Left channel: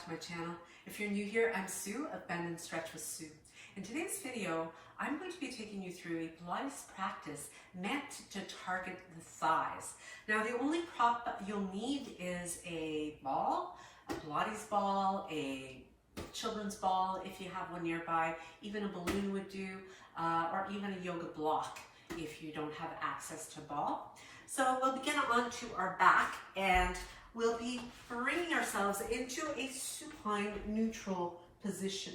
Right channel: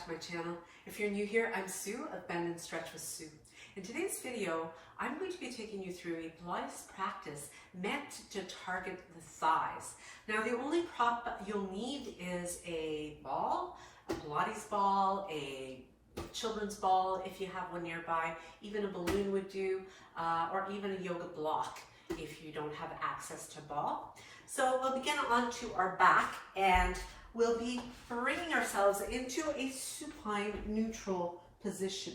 back to my channel. If you're new here, I'm Sue of Bendnstretch with Sue. In today's video, I'm going to be taking you through a Pilates practice meant to target the thighs. Now, the only prop you'll need is a ball, a Pilates ball, a children's ball if you have one nearby, even a balloon would do, or even a yoga block if you don't have access to ball. So we'll begin onto our back and we'll be bringing ourselves into a supine neutral position.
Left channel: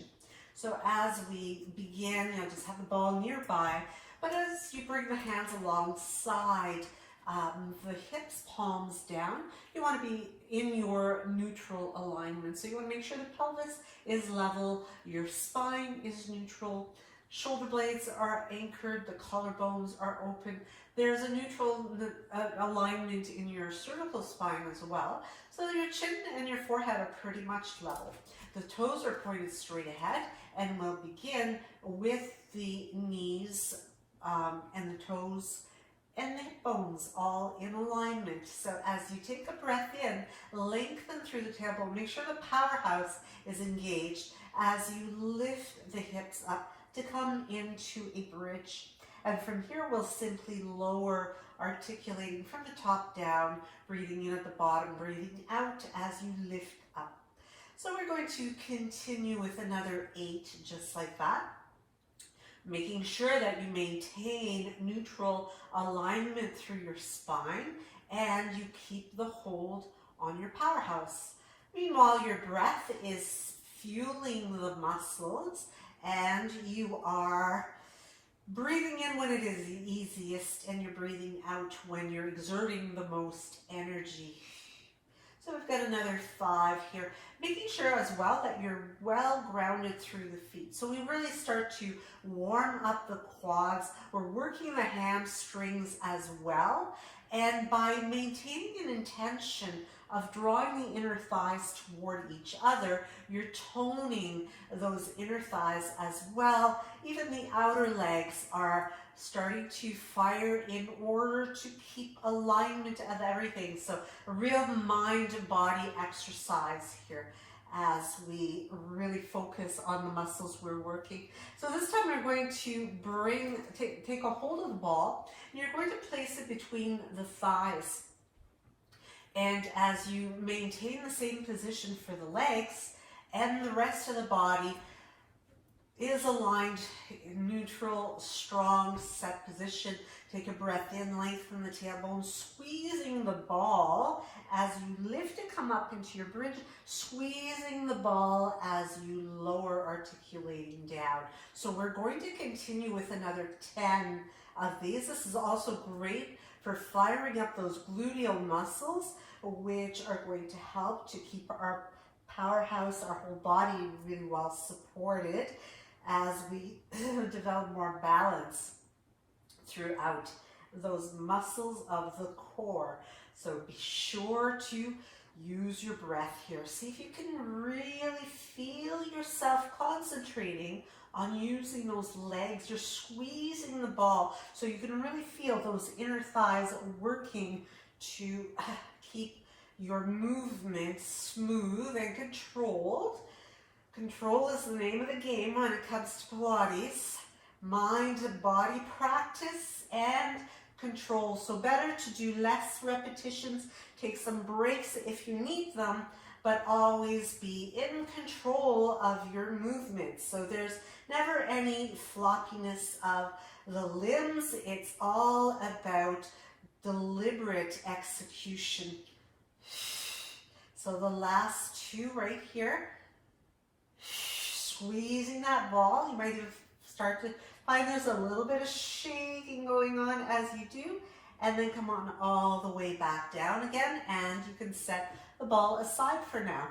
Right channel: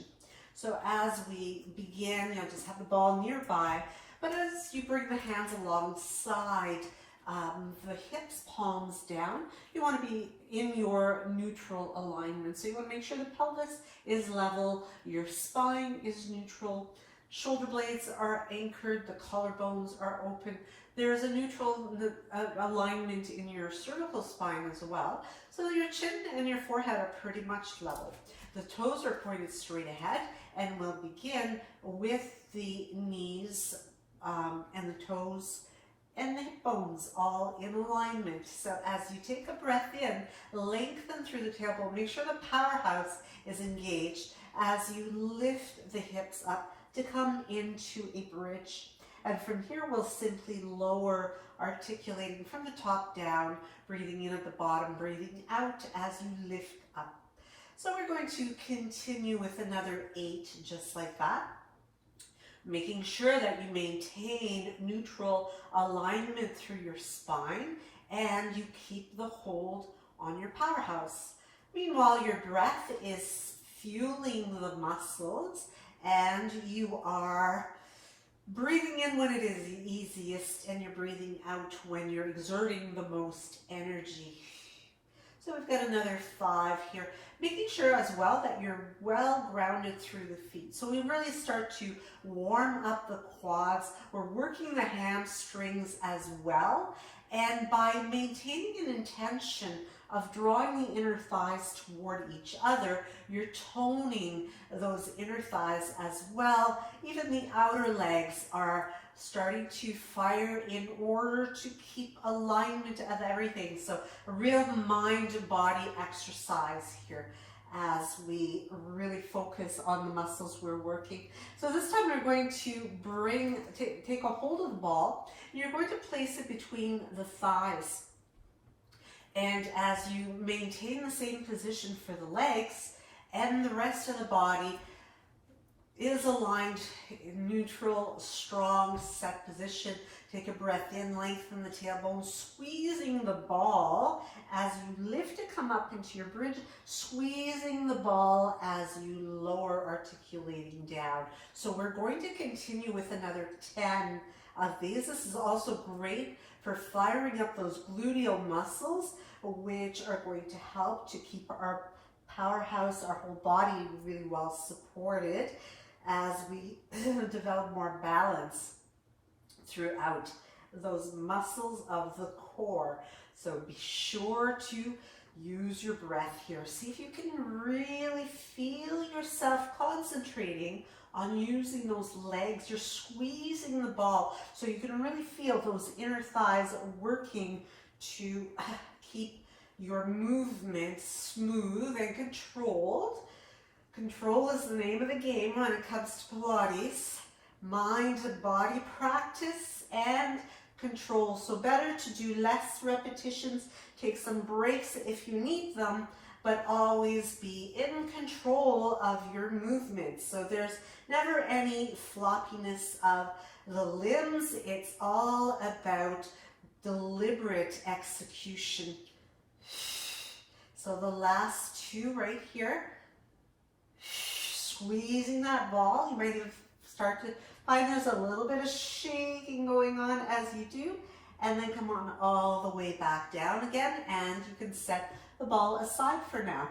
So as we begin, just have the ball nearby, but as you bring the hands alongside the hips, palms down, you want to be in your neutral alignment. So you want to make sure the pelvis is level, your spine is neutral, shoulder blades are anchored, the collarbones are open. There's a neutral alignment in your cervical spine as well. So your chin and your forehead are pretty much level. The toes are pointed straight ahead, and we'll begin with the knees and the toes and the hip bones all in alignment. So as you take a breath in, lengthen through the tailbone. Make sure the powerhouse is engaged as you lift the hips up to come into a bridge. And from here, we'll simply lower, articulating from the top down, breathing in at the bottom, breathing out as you lift up. So we're going to continue with another 8, just like that. Making sure that you maintain neutral alignment through your spine and you keep the hold on your powerhouse. Meanwhile, your breath is fueling the muscles and you are breathing in when it is easiest and you're breathing out when you're exerting the most energy. So we've got another 5 here. Making sure as well that you're well grounded through the feet. So we really start to warm up the quads. We're working the hamstrings as well. And by maintaining an intention of drawing the inner thighs toward each other, you're toning those inner thighs as well. Even the outer legs are starting to fire in order to keep alignment of everything. So a real mind-body exercise here as we really focus on the muscles we're working. So this time we're going to take a hold of the ball, and you're going to place it between the thighs. And as you maintain the same position for the legs, and the rest of the body is aligned, neutral, strong, set position. Take a breath in, lengthen the tailbone, squeezing the ball as you lift to come up into your bridge, squeezing the ball as you lower, articulating down. So we're going to continue with another 10 of these. This is also great for firing up those gluteal muscles, which are going to help to keep our powerhouse, our whole body really well supported as we develop more balance throughout those muscles of the core. So be sure to use your breath here. See if you can really feel yourself concentrating on using those legs. You're squeezing the ball so you can really feel those inner thighs working to keep your movement smooth and controlled. Control is the name of the game when it comes to Pilates. Mind-body practice and control. So better to do less repetitions, take some breaks if you need them, but always be in control of your movement. So there's never any floppiness of the limbs. It's all about deliberate execution. So the last 2 right here. Squeezing that ball. You might even start to find there's a little bit of shaking going on as you do, and then come on all the way back down again, and you can set the ball aside for now.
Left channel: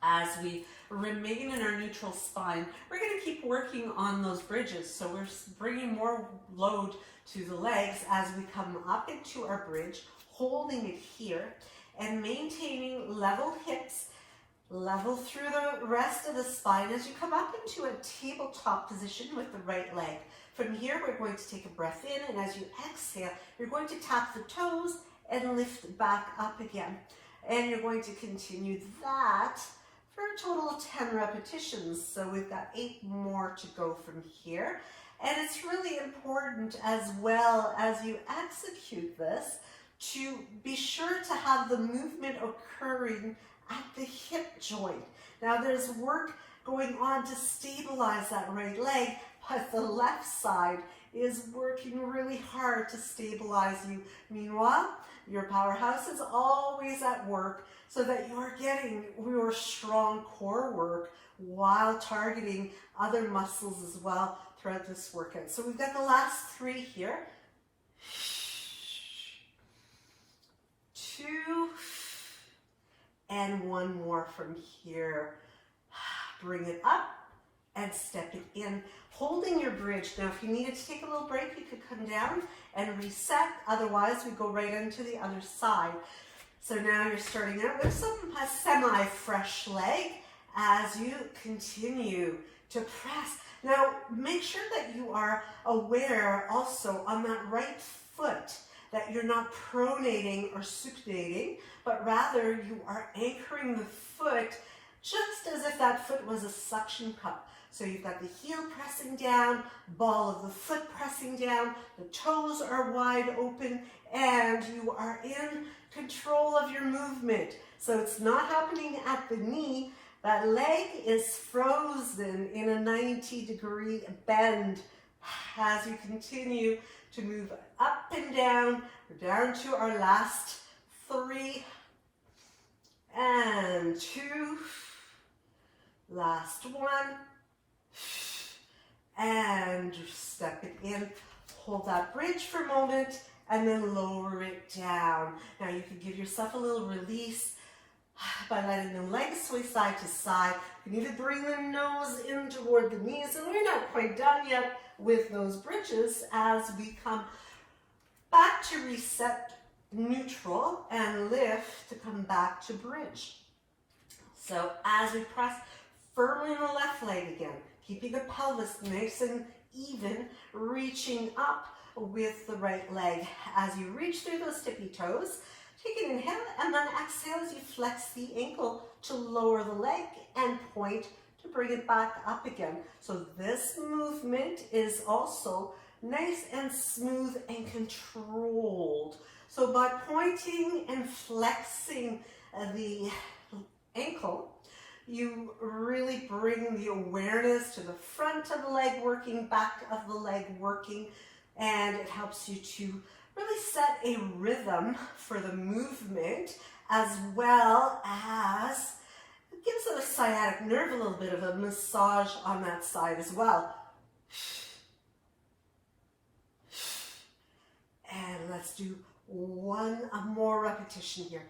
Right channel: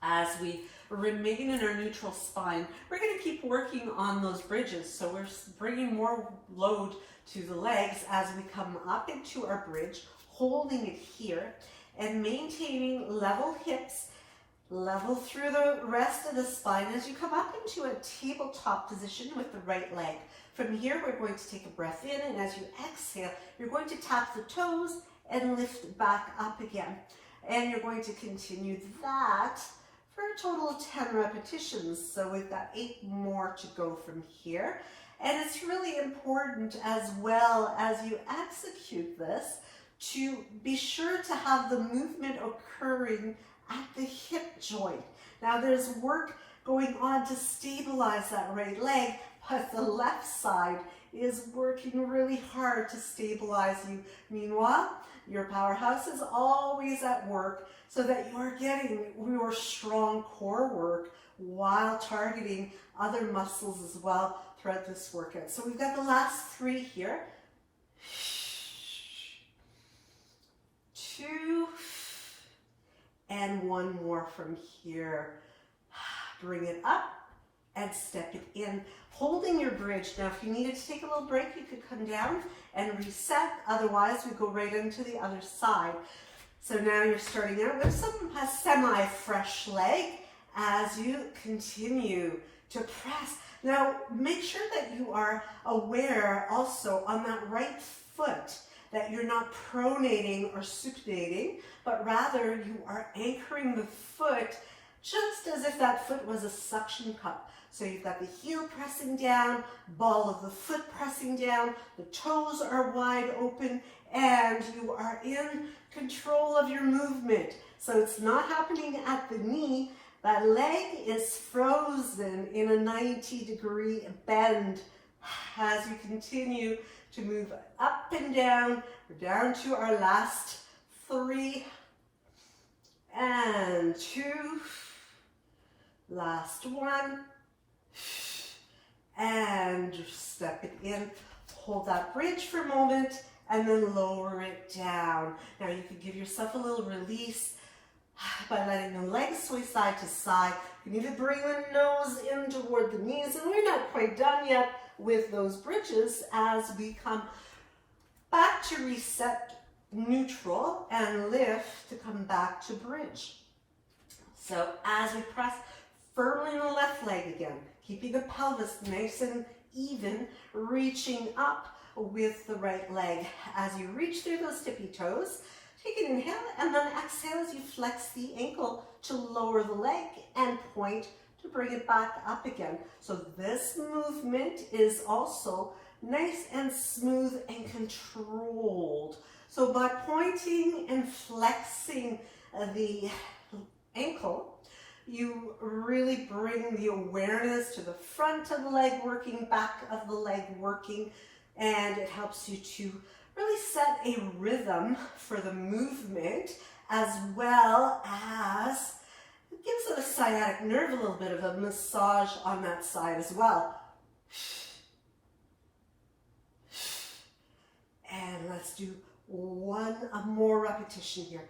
As we remain in our neutral spine, we're going to keep working on those bridges. So we're bringing more load to the legs as we come up into our bridge, holding it here, and maintaining level hips, level through the rest of the spine as you come up into a tabletop position with the right leg. From here, we're going to take a breath in, and as you exhale, you're going to tap the toes and lift back up again. And you're going to continue that for a total of 10 repetitions. So we've got 8 more to go from here. And it's really important as well as you execute this to be sure to have the movement occurring at the hip joint. Now there's work going on to stabilize that right leg, but the left side is working really hard to stabilize you. Meanwhile, your powerhouse is always at work so that you're getting your strong core work while targeting other muscles as well throughout this workout. So we've got the last 3 here. 2, and 1 more from here. Bring it up and step it in, holding your bridge. Now, if you needed to take a little break, you could come down and reset. Otherwise, we go right into the other side. So now you're starting out with a semi-fresh leg as you continue to press. Now, make sure that you are aware also on that right foot that you're not pronating or supinating, but rather you are anchoring the foot just as if that foot was a suction cup. So you've got the heel pressing down, ball of the foot pressing down, the toes are wide open, and you are in control of your movement. So it's not happening at the knee. That leg is frozen in a 90-degree bend as you continue to move up and down. We're down to our last 3 and 2. Last 1. And step it in. Hold that bridge for a moment and then lower it down. Now you can give yourself a little release by letting the legs sway side to side. You need to bring the nose in toward the knees, and we're not quite done yet with those bridges as we come back to reset neutral and lift to come back to bridge. So as we press firmly the left leg again, keeping the pelvis nice and even, reaching up with the right leg. As you reach through those tippy toes, take an inhale and then exhale as you flex the ankle to lower the leg and point to bring it back up again. So this movement is also nice and smooth and controlled. So by pointing and flexing the ankle, you really bring the awareness to the front of the leg working, back of the leg working, and it helps you to really set a rhythm for the movement, as well as it gives the sciatic nerve a little bit of a massage on that side as well. And let's do one more repetition here.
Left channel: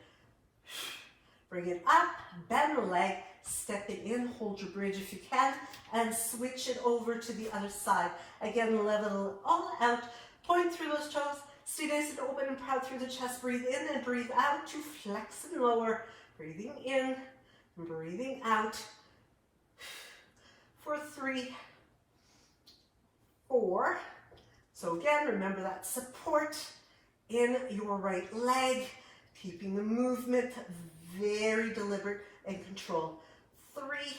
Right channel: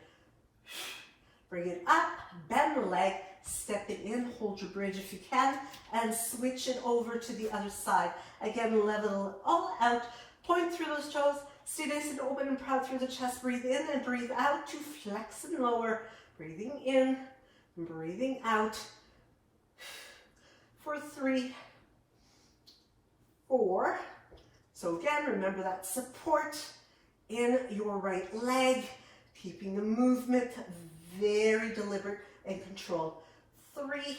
Bring it up, bend the leg, step it in, hold your bridge if you can, and switch it over to the other side. Again, level all out, point through those toes, stay nice and open and proud through the chest. Breathe in and breathe out to flex and lower. Breathing in, breathing out. For 3, 4. So again, remember that support in your right leg, keeping the movement very deliberate and controlled. 3,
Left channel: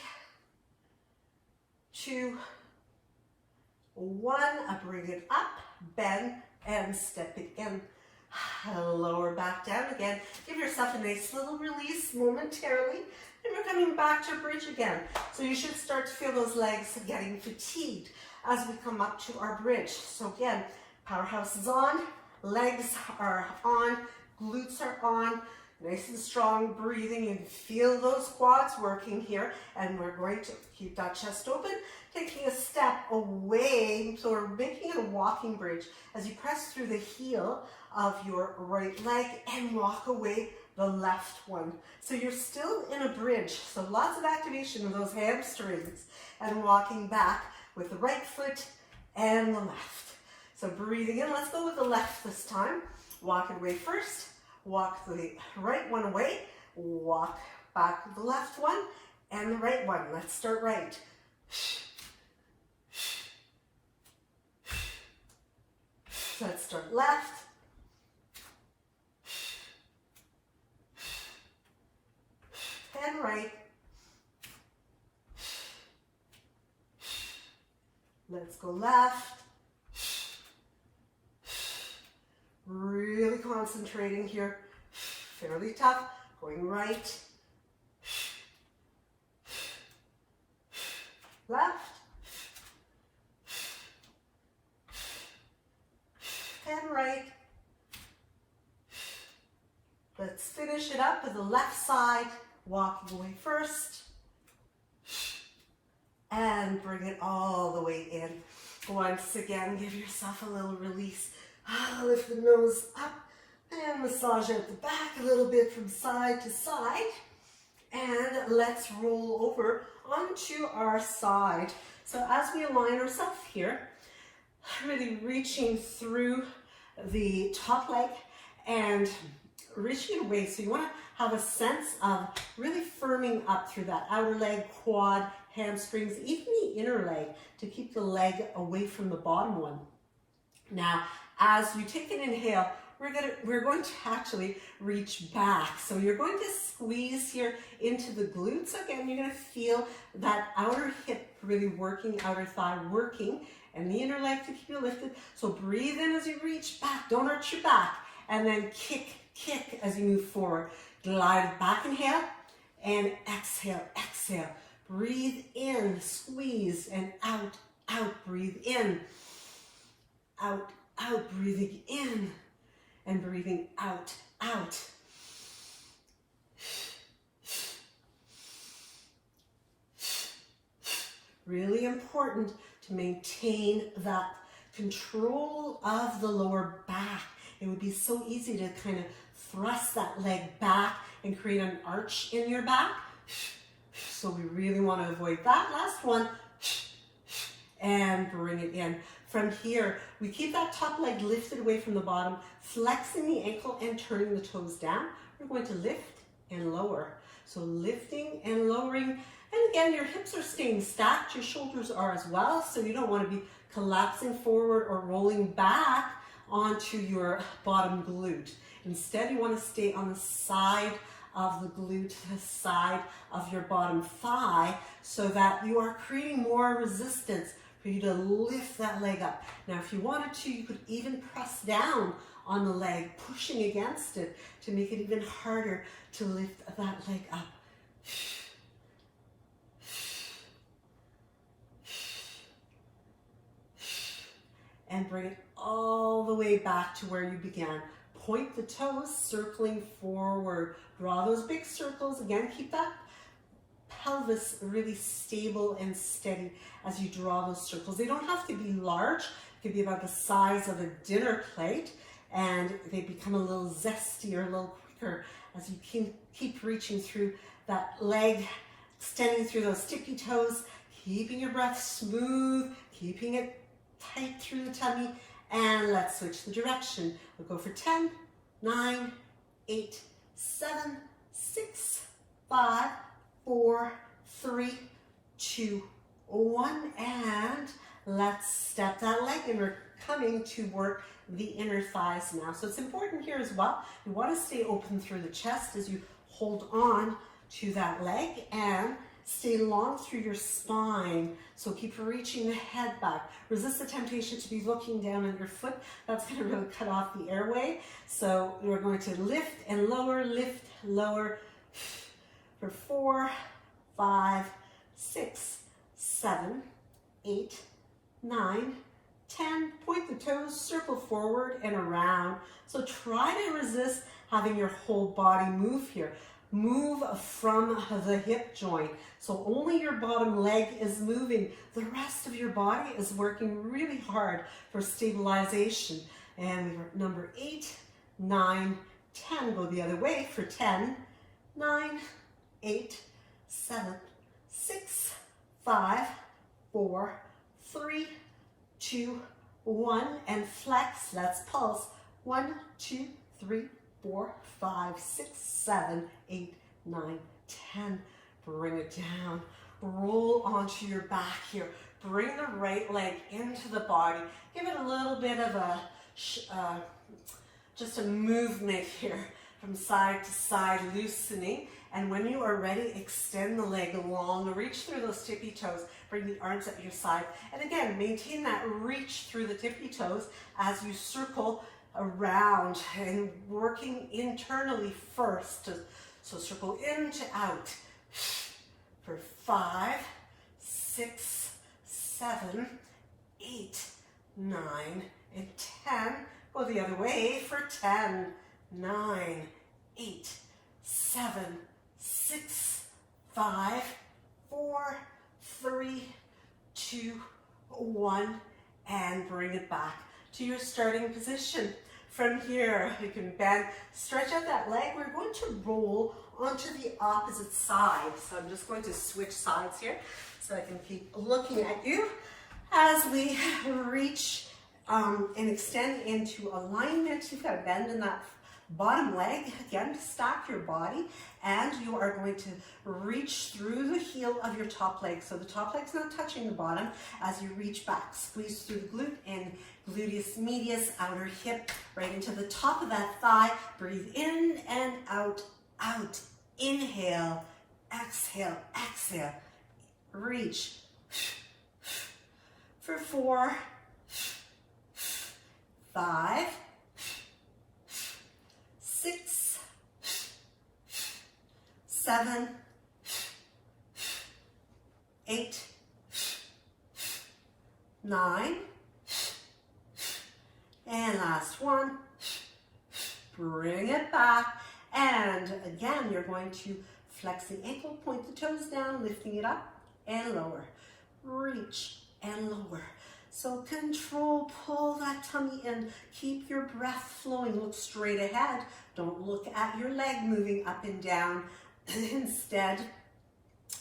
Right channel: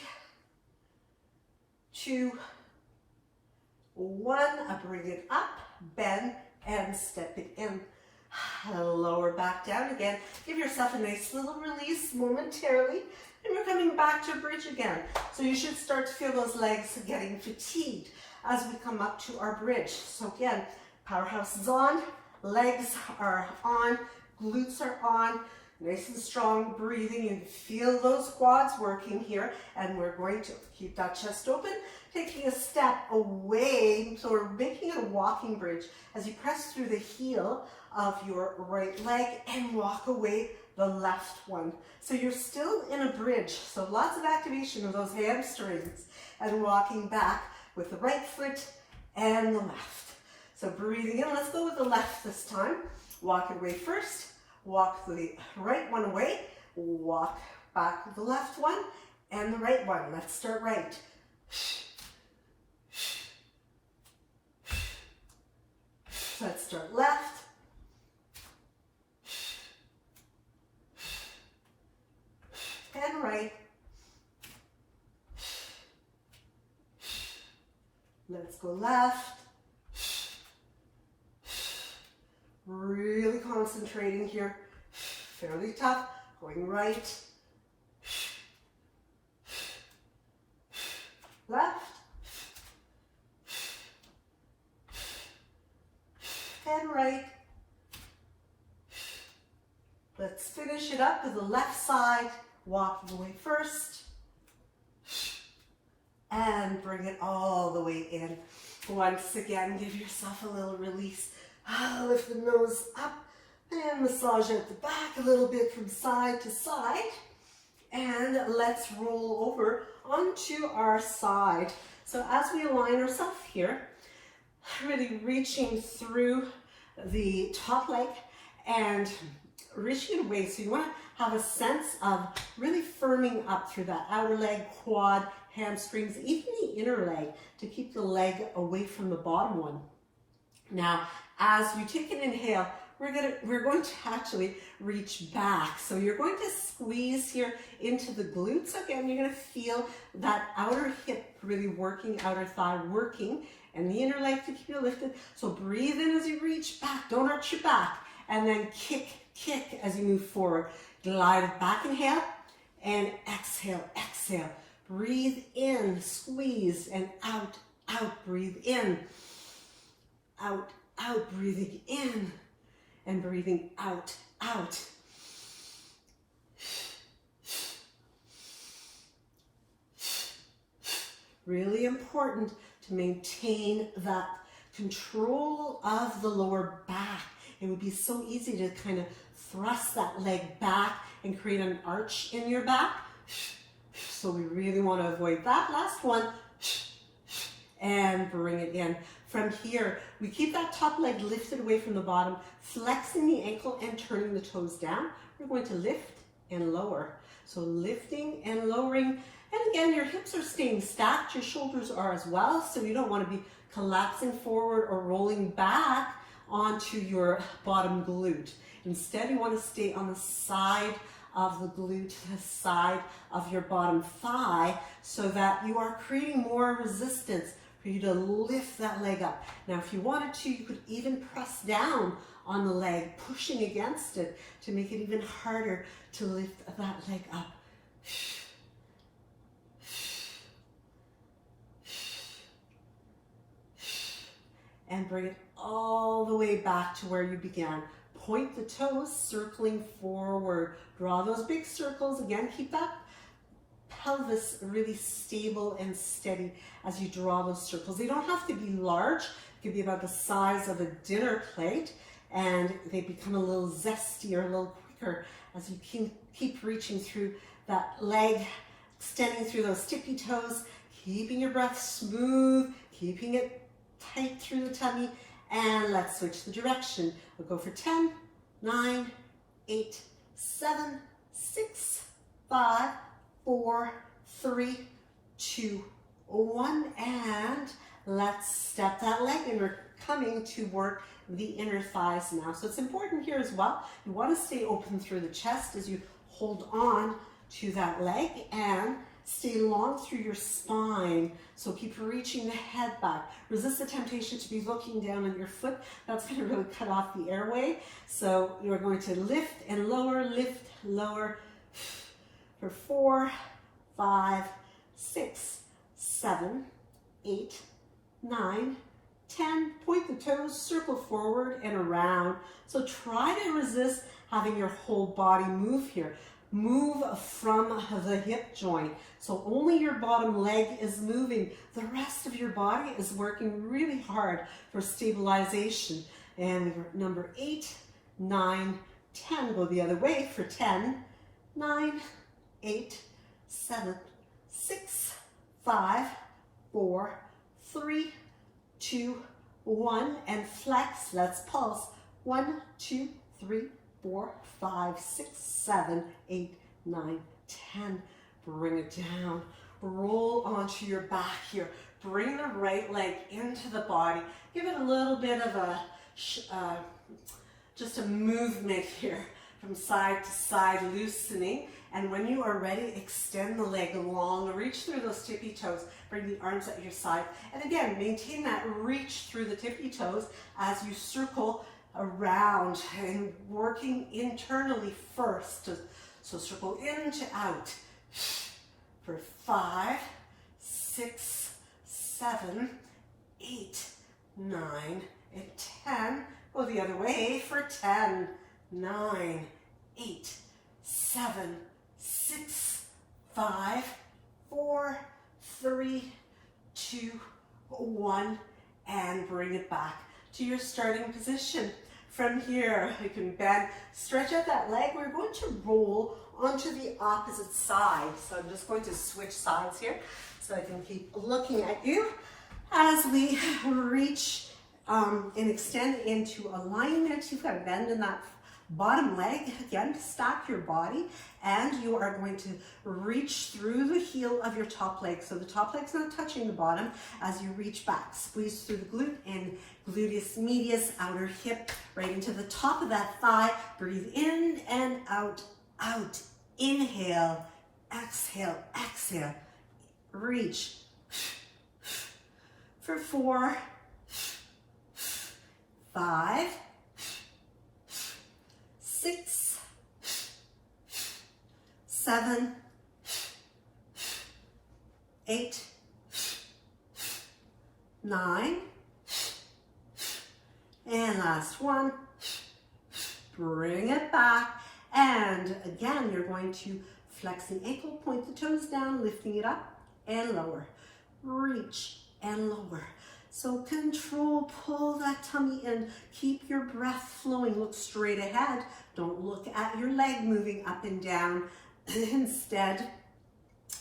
2, 1. Bring it up, bend, and step it in. Lower back down again. Give yourself a nice little release momentarily, and you're coming back to bridge again. So you should start to feel those legs getting fatigued as we come up to our bridge. So again, powerhouse is on, legs are on, glutes are on, nice and strong breathing. You feel those quads working here, and we're going to keep that chest open, taking a step away, so we're making it a walking bridge as you press through the heel of your right leg and walk away the left one. So you're still in a bridge, so lots of activation of those hamstrings, and walking back with the right foot and the left. So breathing in, let's go with the left this time. Walk it away first, walk the right one away, walk back with the left one and the right one. Let's start right. Let's start left. And right. Let's go left. Really concentrating here. Fairly tough. Going right. Left. And right. Let's finish it up with the left side. Walking away first. And bring it all the way in. Once again, give yourself a little release. Lift the nose up and massage out the back a little bit from side to side. And let's roll over onto our side. So as we align ourselves here, really reaching through the top leg and reaching away. So you want to have a sense of really firming up through that outer leg, quad, hamstrings, even the inner leg, to keep the leg away from the bottom one. Now, as you take an inhale, we're going to actually reach back. So you're going to squeeze here into the glutes. Again, you're going to feel that outer hip really working, outer thigh working, and the inner leg to keep you lifted. So breathe in as you reach back. Don't arch your back. And then kick as you move forward. Glide back, inhale, and exhale, exhale. Breathe in, squeeze, and out, out. Breathe in, out, out. Breathing in, and breathing out, out. Really important to maintain that control of the lower back. It would be so easy to kind of thrust that leg back and create an arch in your back. So we really want to avoid that. Last one. And bring it in. From here, we keep that top leg lifted away from the bottom, flexing the ankle and turning the toes down. We're going to lift and lower. So lifting and lowering. And again, your hips are staying stacked. Your shoulders are as well. So you don't want to be collapsing forward or rolling back onto your bottom glute. Instead, you want to stay on the side of the glute, the side of your bottom thigh, so that you are creating more resistance for you to lift that leg up. Now, if you wanted to, you could even press down on the leg, pushing against it to make it even harder to lift that leg up. And bring it all the way back to where you began. Point the toes, circling forward. Draw those big circles. Again, keep that pelvis really stable and steady as you draw those circles. They don't have to be large. It could be about the size of a dinner plate, and they become a little zestier, a little quicker as you keep reaching through that leg, extending through those tippy toes, keeping your breath smooth, keeping it tight through the tummy. And let's switch the direction. We'll go for 10, 9, 8, 7, 6, 5, 4, 3, 2, 1. And let's step that leg, and we're coming to work the inner thighs now. So it's important here as well. You want to stay open through the chest as you hold on to that leg, and stay long through your spine. So keep reaching the head back. Resist the temptation to be looking down at your foot. That's going to really cut off the airway. So we're going to lift and lower, lift, lower for 4, 5, 6, 7, 8, 9, 10. Point the toes, circle forward and around. So try to resist having your whole body move here. Move from the hip joint. So only your bottom leg is moving. The rest of your body is working really hard for stabilization. And number 8, 9, 10. Go the other way for 10, 9, 8, 7, 6, 5, 4, 3, 2, 1. And flex. Let's pulse. 1, 2, 3, 4, 5, 6, 7, 8, 9, 10. Bring it down. Roll onto your back here. Bring the right leg into the body. Give it a little bit of a, just a movement here from side to side, loosening. And when you are ready, extend the leg long, reach through those tippy toes, bring the arms at your side. And again, maintain that reach through the tippy toes as you circle around and working internally first. So circle in to out for 5, 6, 7, 8, 9, and 10. Go the other way for 10, 9, 8, 7, 6, 5, 4, 3, 2, 1, and bring it back to your starting position. From here, you can bend, stretch out that leg. We're going to roll onto the opposite side. So I'm just going to switch sides here so I can keep looking at you as we reach and extend into alignment. You've got a bend in that bottom leg. Again, stack your body, and you are going to reach through the heel of your top leg. So the top leg's not touching the bottom as you reach back. Squeeze through the glute and gluteus medius, outer hip, right into the top of that thigh. Breathe in and out, out. Inhale, exhale, exhale. Reach for 4, 5, 6, 7, 8, 9, and last one. Bring it back, and again, you're going to flex the ankle, point the toes down, lifting it up and lower. Reach and lower. So control, pull that tummy in, keep your breath flowing, look straight ahead. Don't look at your leg moving up and down. Instead,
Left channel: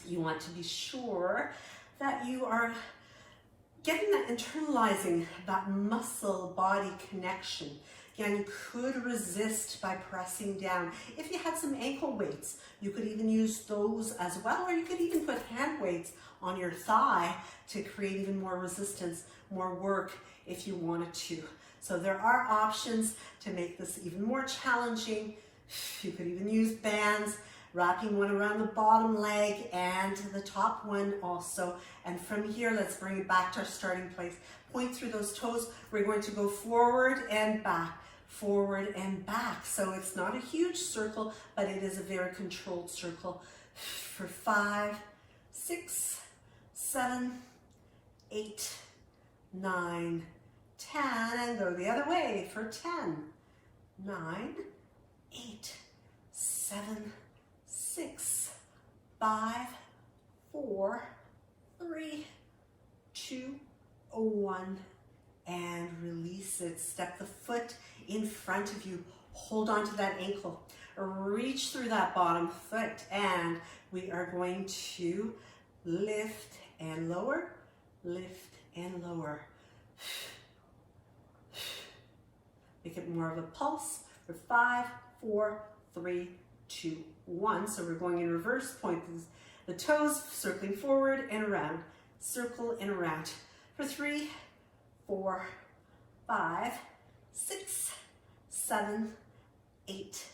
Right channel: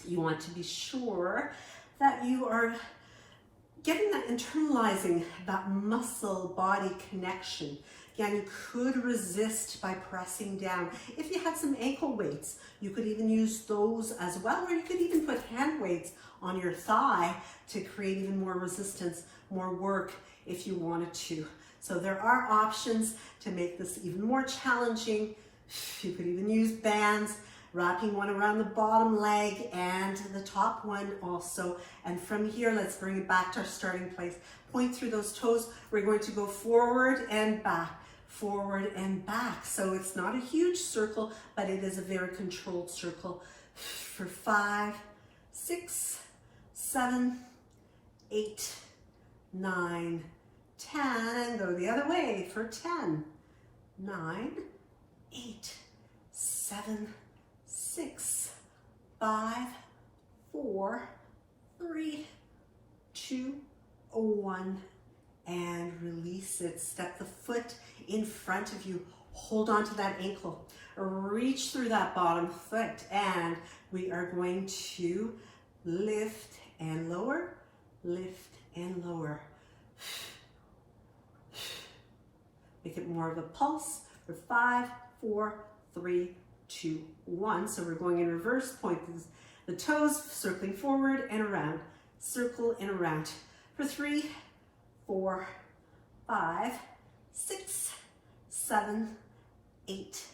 you want to be sure that you are getting that, internalizing that muscle body connection. Again, you could resist by pressing down. If you had some ankle weights, you could even use those as well, or you could even put hand weights on your thigh to create even more resistance, more work if you wanted to. So there are options to make this even more challenging. You could even use bands, wrapping one around the bottom leg and the top one also. And from here, let's bring it back to our starting place. Point through those toes. We're going to go forward and back, forward and back. So it's not a huge circle, but it is a very controlled circle. For 5, 6, 7, 8, 9, 10, and go the other way for 10, 9, 8, 7, 6, 5, 4, 3, 2, 1, and release it. Step the foot in front of you. Hold on to that ankle. Reach through that bottom foot, and we are going to lift and lower, lift and lower. Make it more of a pulse for 5, 4, 3, 2, 1. So we're going in reverse. Point the toes, circling forward and around. Circle and around. For 3, 4, 5, 6, 7, 8,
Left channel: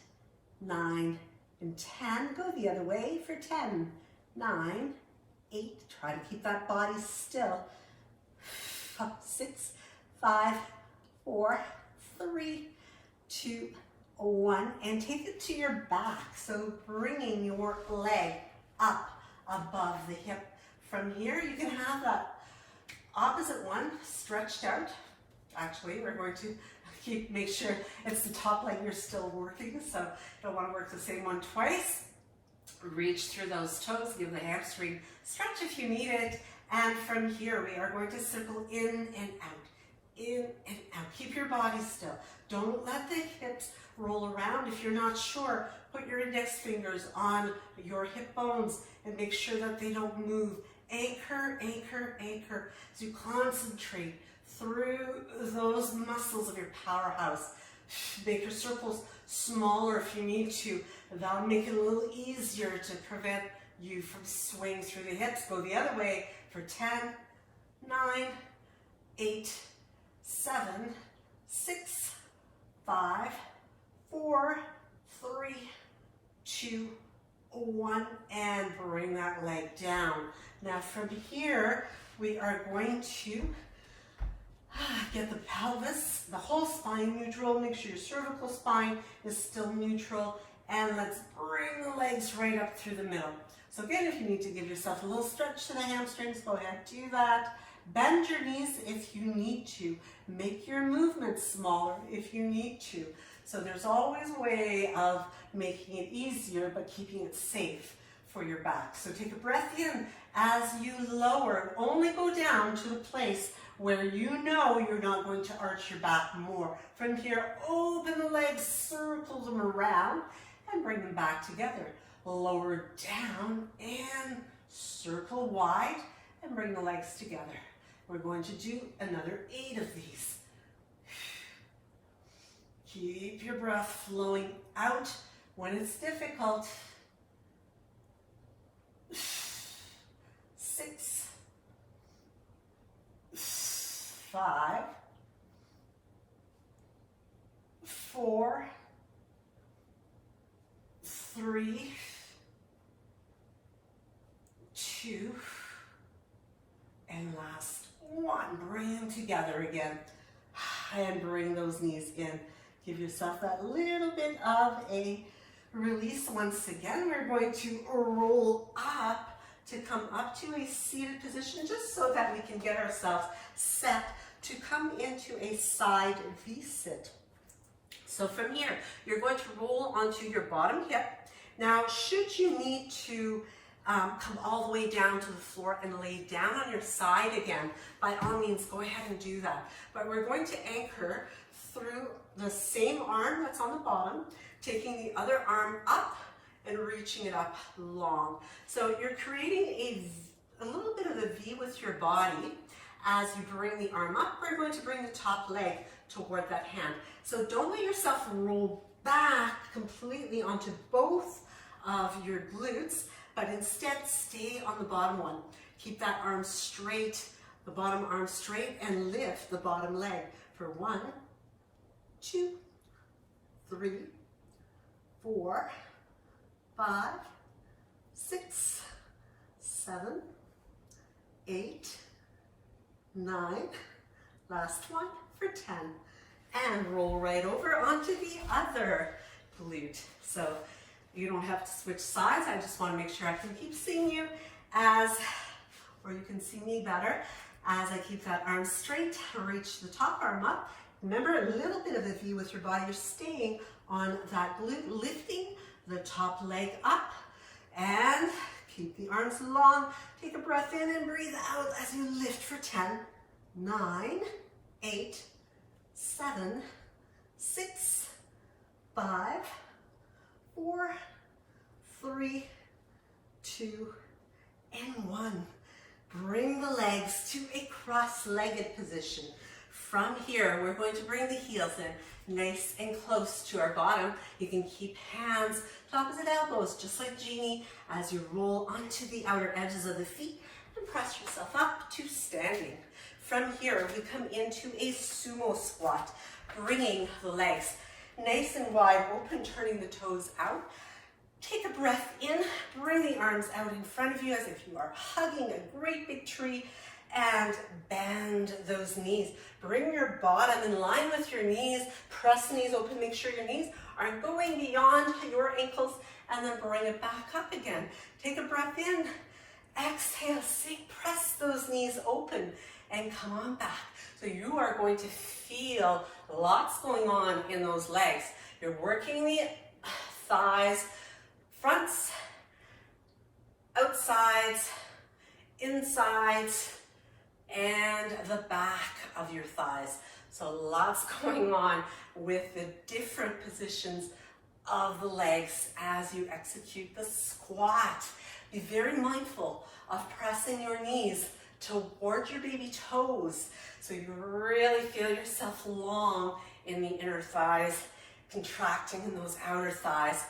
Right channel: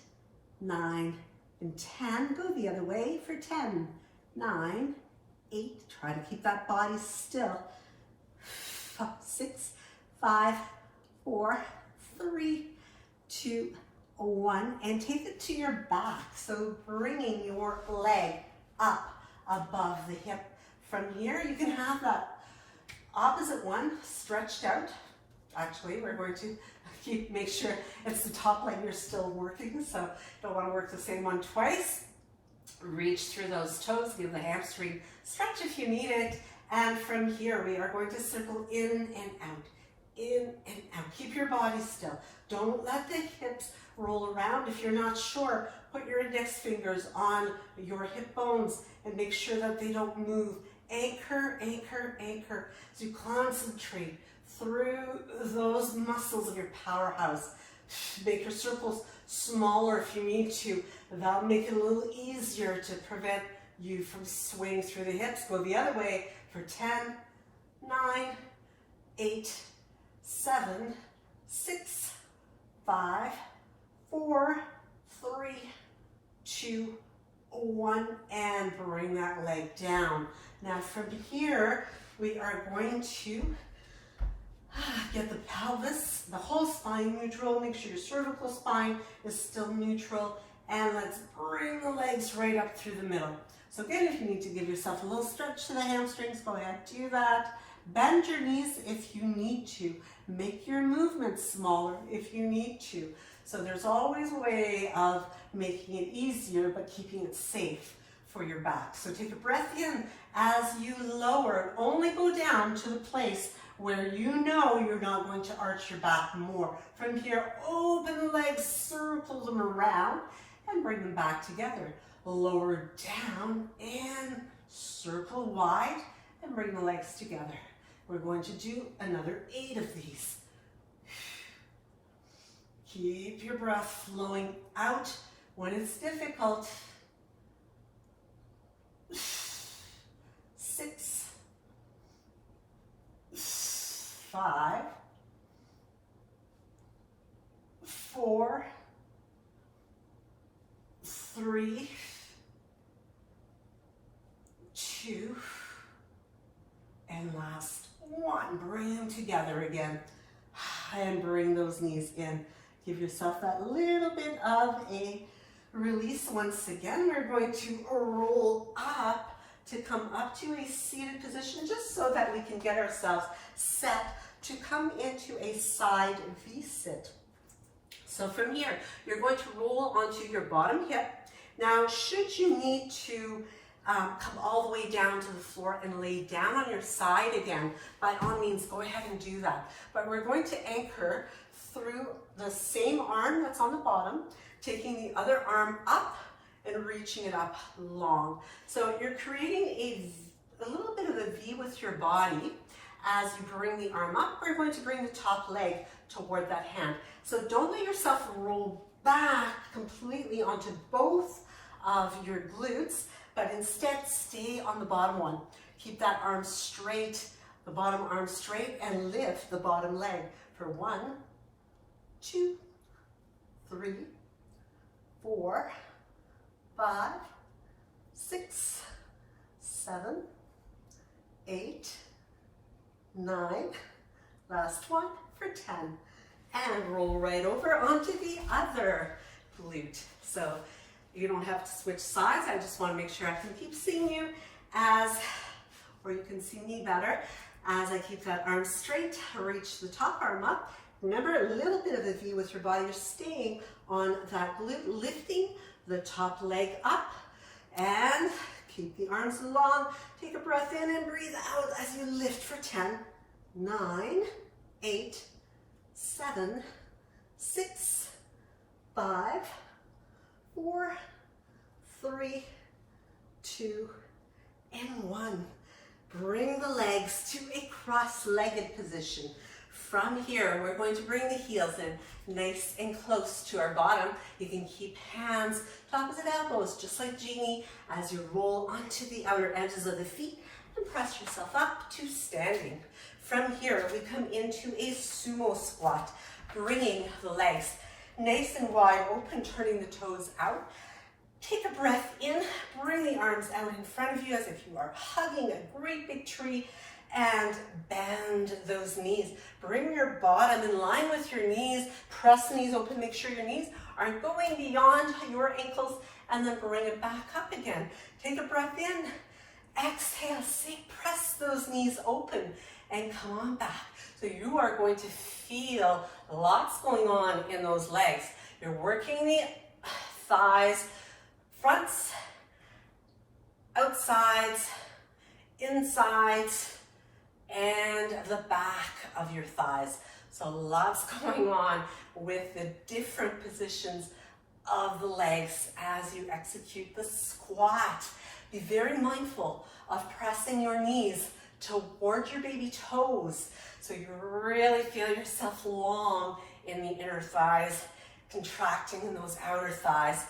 9, and 10. Go the other way for 10, 9, 8. Try to keep that body still. 6, 5, 4, 3, 2, 1, and take it to your back. So bringing your leg up above the hip. From here, you can have that opposite one stretched out. Actually, we're going to make sure it's the top leg you're still working, so don't want to work the same one twice. Reach through those toes, give the hamstring stretch if you need it, and from here we are going to circle in and out, in and out. Keep your body still. Don't let the hips roll around. If you're not sure, put your index fingers on your hip bones and make sure that they don't move. Anchor, anchor, anchor. As you concentrate through those muscles of your powerhouse. Make your circles smaller if you need to. That'll make it a little easier to prevent you from swaying through the hips. Go the other way for 10, 9, 8, 7, 6, 5, 4, 2, 1, and bring that leg down. Now from here, we are going to get the pelvis, the whole spine neutral. Make sure your cervical spine is still neutral. And let's bring the legs right up through the middle. So again, if you need to give yourself a little stretch to the hamstrings, go ahead, do that. Bend your knees if you need to. Make your movements smaller if you need to. So there's always a way of making it easier, but keeping it safe for your back. So take a breath in as you lower, and only go down to the place where you know you're not going to arch your back more. From here, open the legs, circle them around, and bring them back together. Lower down and circle wide and bring the legs together. We're going to do another 8 of these. Keep your breath flowing out when it's difficult. 6, 5, 4, 3, 2, and last 1. Bring them together again and bring those knees in. Give yourself that little bit of a release. Once again, we're going to roll up to come up to a seated position, just so that we can get ourselves set to come into a side V-sit. So from here, you're going to roll onto your bottom hip. Now, should you need to come all the way down to the floor and lay down on your side again, by all means, go ahead and do that. But we're going to anchor through the same arm that's on the bottom, taking the other arm up and reaching it up long. So you're creating a little bit of a V with your body. As you bring the arm up, we're going to bring the top leg toward that hand. So don't let yourself roll back completely onto both of your glutes, but instead stay on the bottom one. Keep that arm straight, the bottom arm straight, and lift the bottom leg for 1, 2, 3, 4, 5, 6, 7, 8, 9, last one for 10. And roll right over onto the other glute. So you don't have to switch sides. I just want to make sure I can keep seeing you or you can see me better as I keep that arm straight, reach the top arm up. Remember, a little bit of a V with your body. You're staying on that glute, lifting the top leg up, and keep the arms long. Take a breath in and breathe out as you lift for 10, 9, 8, 7, 6, 5, 4, 3, 2, and 1. Bring the legs to a cross-legged position. From here, we're going to bring the heels in nice and close to our bottom. You can keep hands to opposite elbows, just like Jeannie, as you roll onto the outer edges of the feet and press yourself up to standing. From here, we come into a sumo squat, bringing the legs nice and wide open, turning the toes out. Take a breath in, bring the arms out in front of you as if you are hugging a great big tree, and bend those knees. Bring your bottom in line with your knees, press knees open, make sure your knees aren't going beyond your ankles, and then bring it back up again. Take a breath in, exhale, press those knees open, and come on back. So you are going to feel lots going on in those legs. You're working the thighs, fronts, outsides, insides, and the back of your thighs. So lots going on with the different positions of the legs as you execute the squat. Be very mindful of pressing your knees toward your baby toes so you really feel yourself long in the inner thighs, contracting in those outer thighs.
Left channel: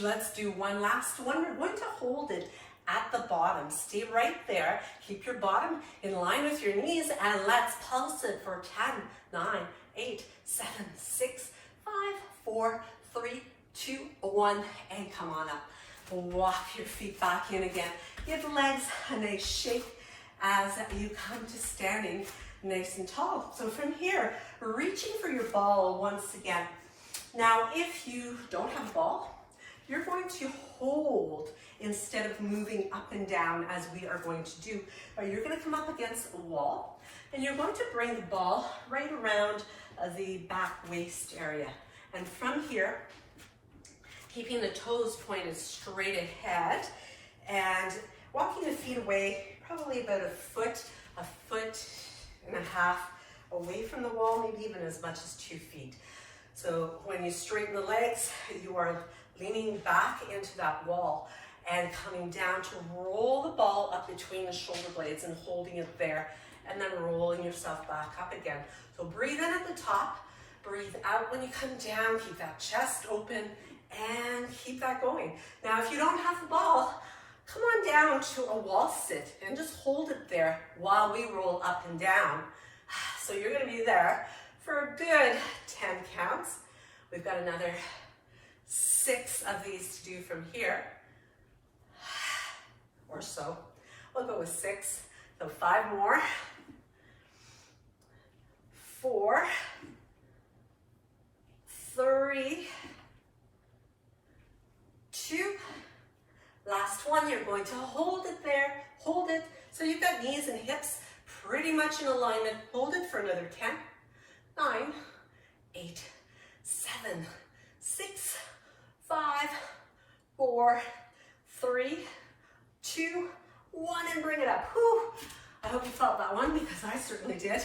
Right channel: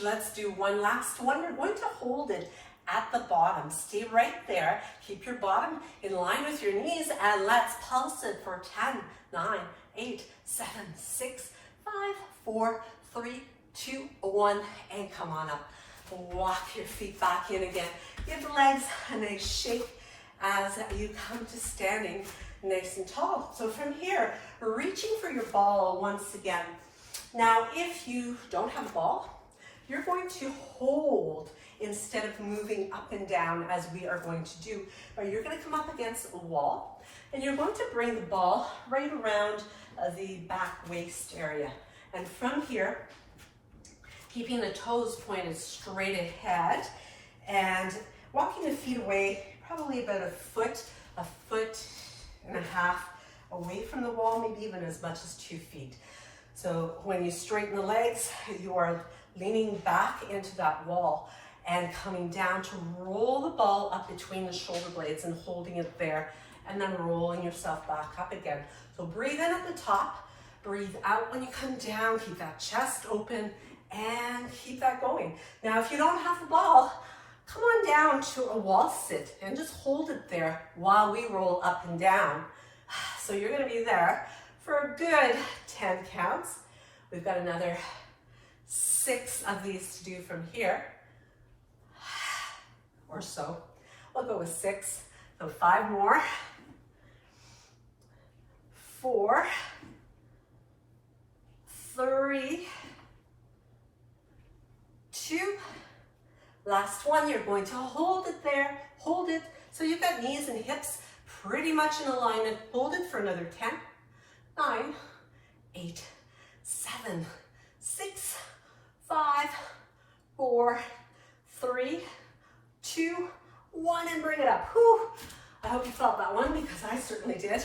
Let's do one last one. We're going to hold it at the bottom. Stay right there. Keep your bottom in line with your knees, and let's pulse it for 10, 9, 8, 7, 6, 5, 4, 3, 2, 1, and come on up. Walk your feet back in again. Give the legs a nice shake as you come to standing nice and tall. So from here, reaching for your ball once again. Now, if you don't have a ball, you're going to hold instead of moving up and down as we are going to do. Or you're going to come up against a wall and you're going to bring the ball right around the back waist area. And from here, keeping the toes pointed straight ahead and walking the feet away, probably about a foot and a half away from the wall, maybe even as much as 2 feet. So when you straighten the legs, you are leaning back into that wall and coming down to roll the ball up between the shoulder blades and holding it there, and then rolling yourself back up again. So breathe in at the top, breathe out when you come down, keep that chest open, and keep that going. Now, if you don't have the ball, come on down to a wall sit and just hold it there while we roll up and down. So you're gonna be there for a good 10 counts. We've got another 6 of these to do from here, or so. We'll go with 6, so 5 more. 4, 3, 2, last one. You're going to hold it there, hold it. So you've got knees and hips pretty much in alignment. Hold it for another 10, 9, 8, 7, 6, 5, 4, 3, 2, 1, and bring it up. Whew. I hope you felt that one because I certainly did.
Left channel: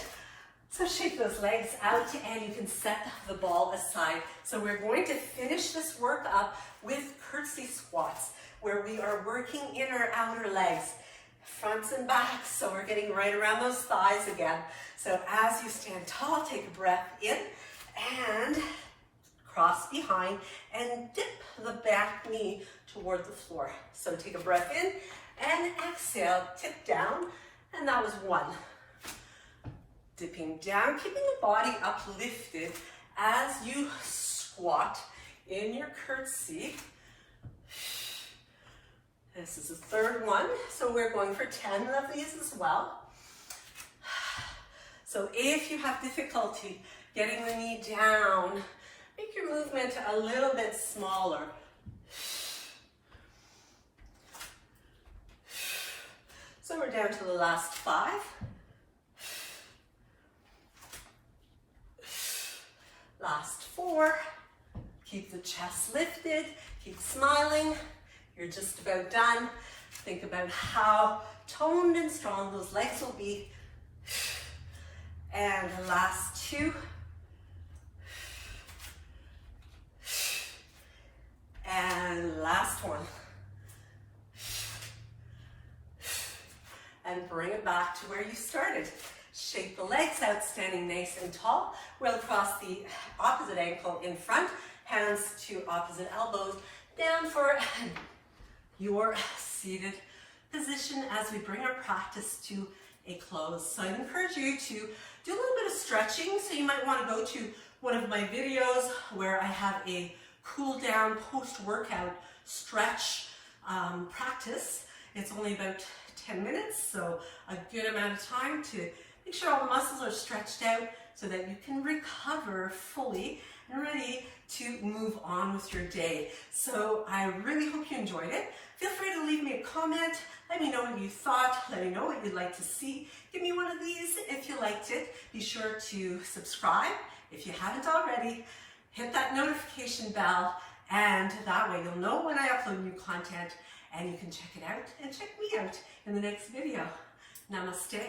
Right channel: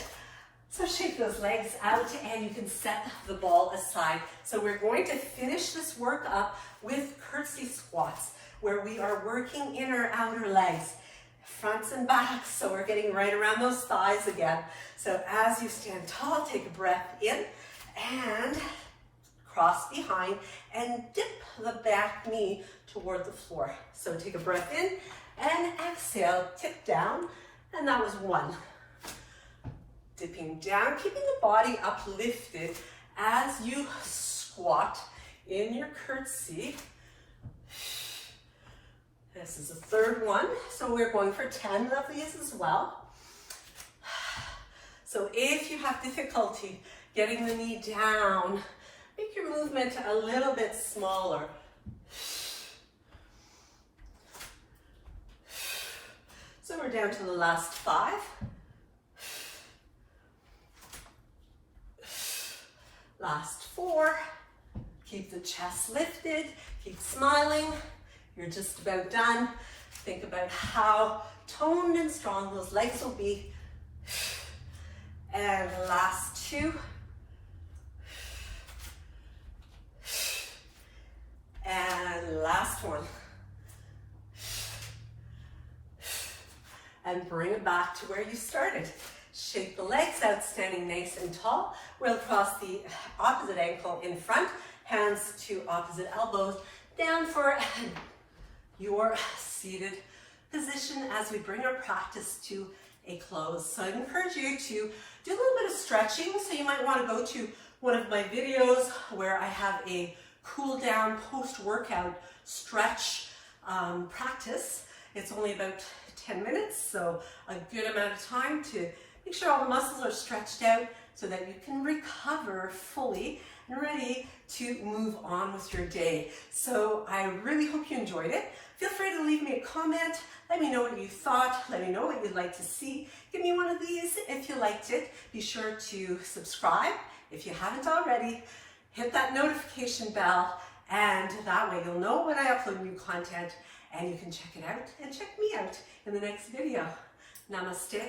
So shake those legs out and you can set the ball aside. So we're going to finish this work up with curtsy squats, where we are working inner outer legs, fronts and backs. So we're getting right around those thighs again. So as you stand tall, take a breath in and cross behind and dip the back knee toward the floor. So take a breath in and exhale, tip down, and that was 1. Dipping down, keeping the body uplifted as you squat in your curtsy. This is the 3rd one, so we're going for 10 of these as well. So if you have difficulty getting the knee down, make your movement a little bit smaller. So we're down to the last 5. Last 4. Keep the chest lifted, keep smiling. You're just about done. Think about how toned and strong those legs will be. And the last 2. And last one. And bring it back to where you started. Shake the legs out, standing nice and tall. We'll cross the opposite ankle in front, hands to opposite elbows, down for your seated position as we bring our practice to a close. So I'd encourage you to do a little bit of stretching. So you might want to go to one of my videos where I have a cool down post-workout stretch practice. It's only about 10 minutes, so a good amount of time to make sure all the muscles are stretched out so that you can recover fully and ready to move on with your day. So I really hope you enjoyed it. Feel free to leave me a comment. Let me know what you thought. Let me know what you'd like to see. Give me one of these if you liked it. Be sure to subscribe if you haven't already. Hit that notification bell, and that way you'll know when I upload new content, and you can check it out and check me out in the next video. Namaste.